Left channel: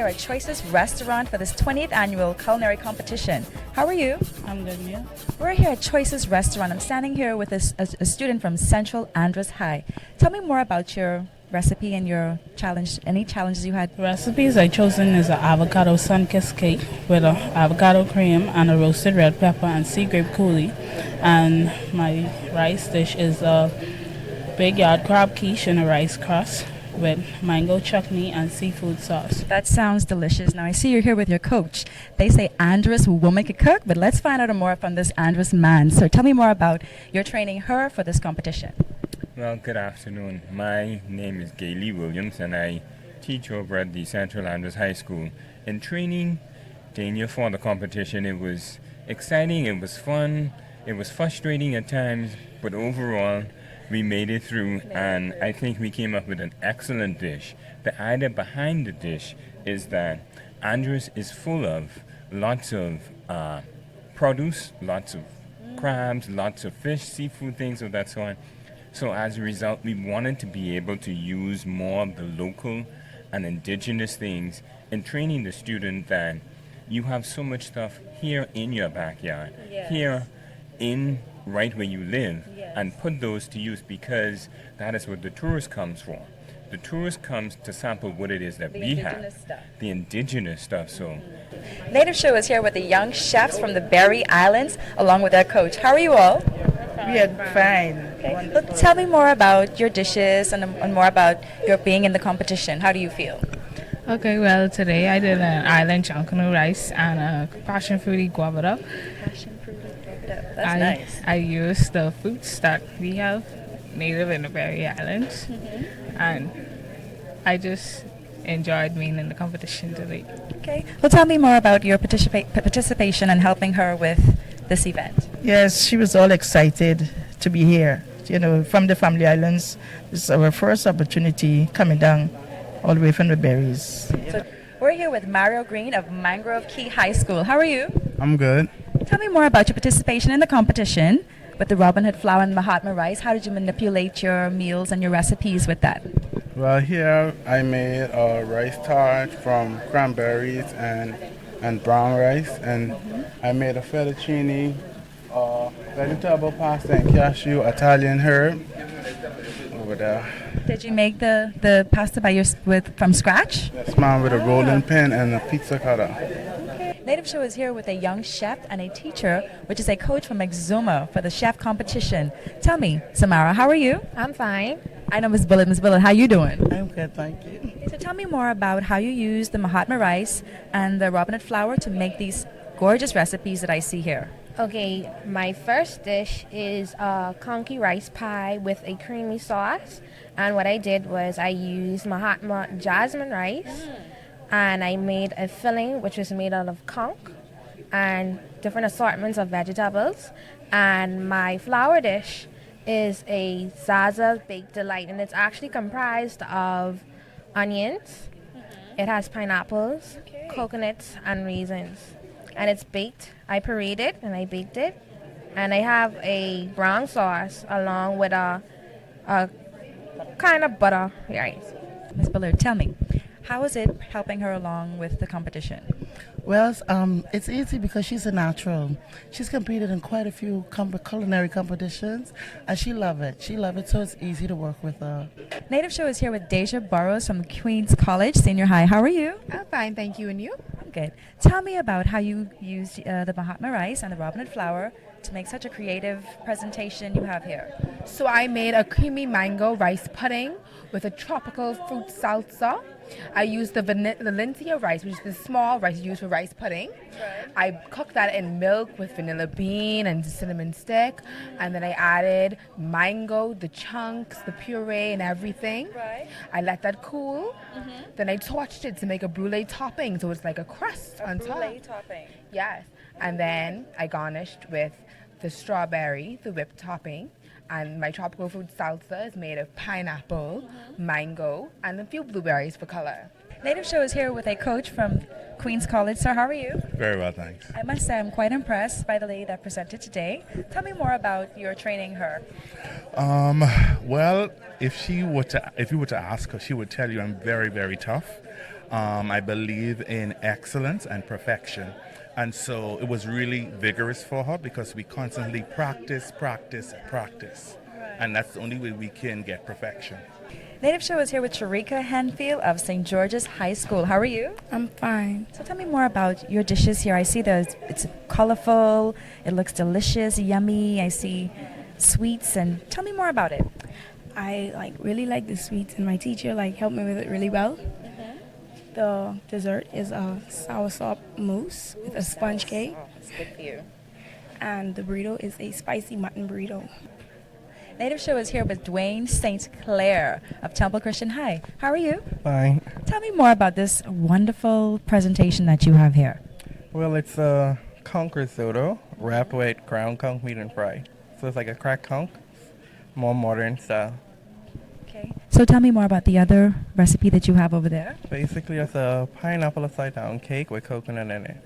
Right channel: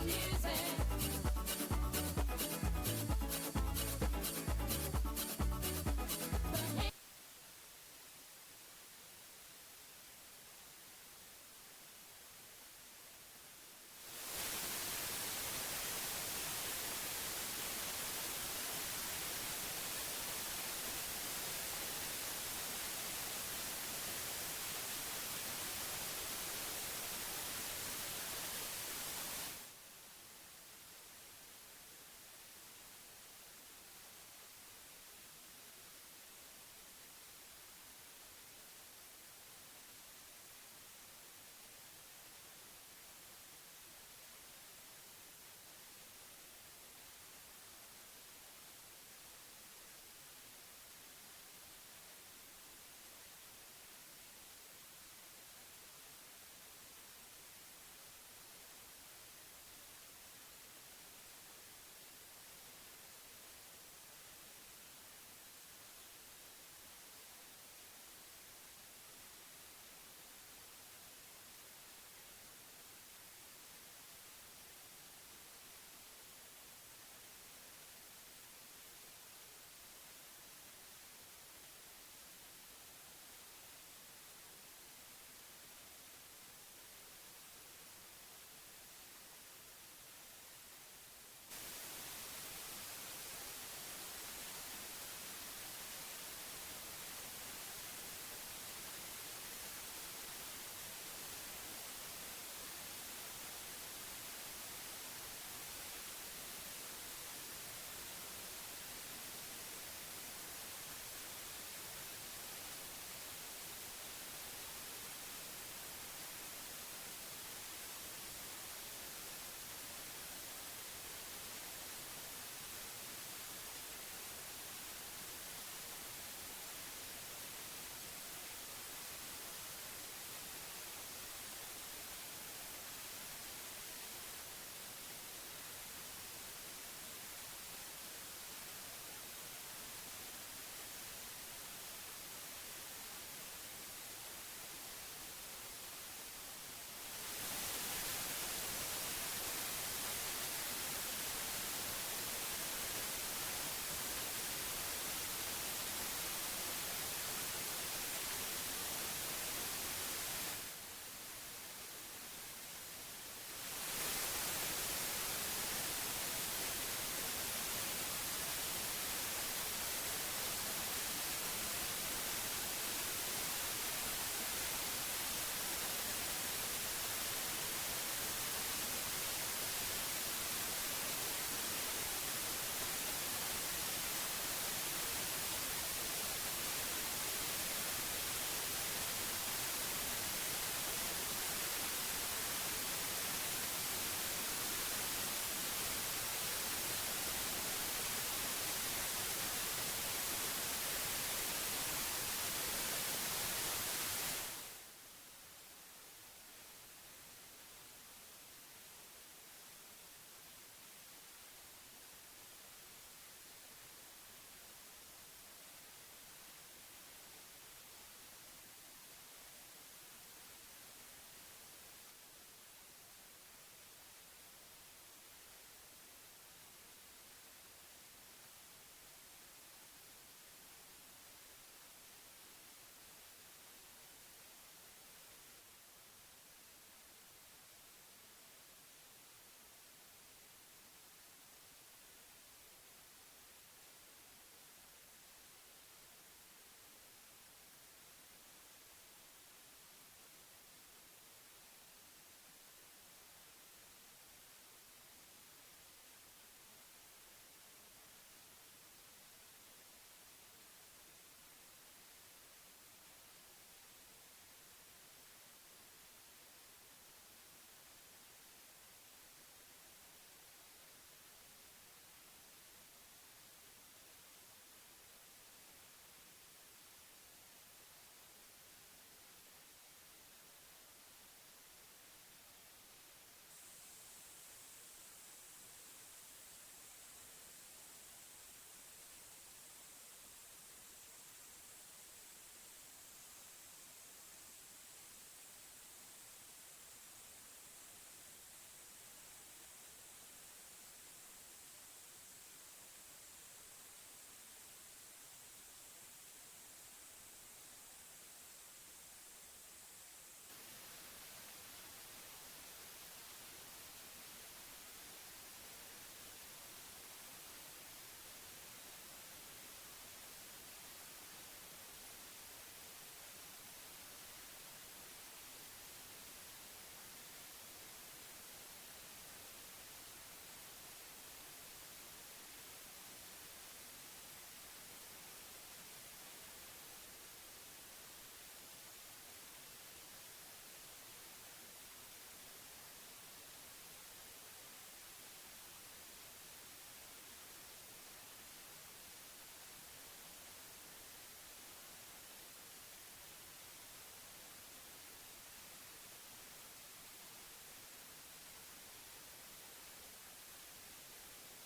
here at Choices Restaurant for this 20th annual culinary competition. How are you? I'm good, yeah. We're here at Choices Restaurant. I'm standing here with a student from Central Andros High. Tell me more about your recipe and your challenge, any challenges you had. Recipes I chosen is an avocado sun-kissed cake with a avocado cream and a roasted red pepper and sea grape coulis. And my rice dish is a big yard crab quiche in a rice crust with mango chutney and seafood sauce. That sounds delicious. Now I see you're here with your coach. They say Andros woman could cook, but let's find out more from this Andros man. So tell me more about your training her for this competition. Well, good afternoon. My name is Gailey Williams, and I teach over at the Central Andros High School. In training Dania for the competition, it was exciting, it was fun, it was frustrating at times, but overall, we made it through, and I think we came up with an excellent dish. The idea behind the dish is that Andros is full of lots of produce, lots of crabs, lots of fish, seafood, things of that sort. So as a result, we wanted to be able to use more of the local and indigenous things in training the student that you have so much stuff here in your backyard, here in right where you live, and put those to use, because that is what the tourist comes for. The tourist comes to sample what it is that we have, the indigenous stuff. So, Native Show is here with the young chefs from the Berry Islands, along with their coach. How are you all? We are fine. Okay. Well, tell me more about your dishes and more about your being in the competition. How do you feel? Okay, well, today I did an island chunkanu rice and a passion fruity guava. That's nice. I used the fruits that we have native in the Berry Islands, and I just enjoyed being in the competition today. Okay. Well, tell me more about your participation and helping her with this event. Yes, she was all excited to be here. You know, from the Family Islands. This is our first opportunity coming down all the way from the berries. So we're here with Mario Green of Mangrove Key High School. How are you? I'm good. Tell me more about your participation in the competition with the Robin Hood flour and Mahatma rice. How did you manipulate your meals and your recipes with that? Well, here I made a rice tart from cranberries and brown rice, and I made a fettuccine, vegetable pasta and cashew Italian herb over there. Did you make the pasta from scratch? Yes, ma'am, with a rolling pin and a pizza cutter. Native Show is here with a young chef and a teacher, which is a coach from Exuma for the chef competition. Tell me, Samara, how are you? I'm fine. I know Miss Bullet. Miss Bullet, how you doing? I'm good, thank you. So tell me more about how you use the Mahatma rice and the Robin Hood flour to make these gorgeous recipes that I see here. Okay, my first dish is a conky rice pie with a creamy sauce. And what I did was I used Mahatma jasmine rice, and I made a filling which was made out of conch and different assortments of vegetables. And my flour dish is a Zaza Baked Delight, and it's actually comprised of onions. It has pineapples, coconuts, and raisins. And it's baked. I pureed it and I baked it. And I have a brown sauce along with a kind of butter rice. Ms. Bullard, tell me, how is it helping her along with the competition? Well, it's easy because she's a natural. She's competed in quite a few culinary competitions, and she loves it. She loves it, so it's easy to work with her. Native Show is here with Deja Burrows from Queens College Senior High. How are you? I'm fine, thank you. And you? I'm good. Tell me about how you used the Mahatma rice and the Robin Hood flour to make such a creative presentation you have here. So I made a creamy mango rice pudding with a tropical fruit salsa. I used the Valencia rice, which is the small rice used for rice pudding. I cooked that in milk with vanilla bean and cinnamon stick, and then I added mango, the chunks, the puree, and everything. I let that cool. Then I torched it to make a brulee topping, so it's like a crust on top. Brulee topping. Yes, and then I garnished with the strawberry, the whipped topping. And my tropical fruit salsa is made of pineapple, mango, and a few blueberries for color. Native Show is here with a coach from Queens College. Sir, how are you? Very well, thanks. I must say I'm quite impressed by the lady that presented today. Tell me more about your training her. Well, if you were to ask her, she would tell you I'm very, very tough. I believe in excellence and perfection. And so it was really vigorous for her because we constantly practice, practice, practice. And that's the only way we can get perfection. Native Show is here with Sharika Henfield of St. George's High School. How are you? I'm fine. So tell me more about your dishes here. I see that it's colorful, it looks delicious, yummy. I see sweets, and tell me more about it. I really like the sweets, and my teacher helped me with it really well. The dessert is a soursop mousse with a sponge cake. It's good for you. And the burrito is a spicy mutton burrito. Native Show is here with Dwayne St. Clair of Temple Christian High. How are you? Fine. Tell me more about this wonderful presentation that you have here. Well, it's a conch risotto wrapped with ground conch meat and fry. So it's like a cracked conch, more modern style. Okay. So tell me more about the other recipe that you have over there. Basically, it's a pineapple upside down cake with coconut in it.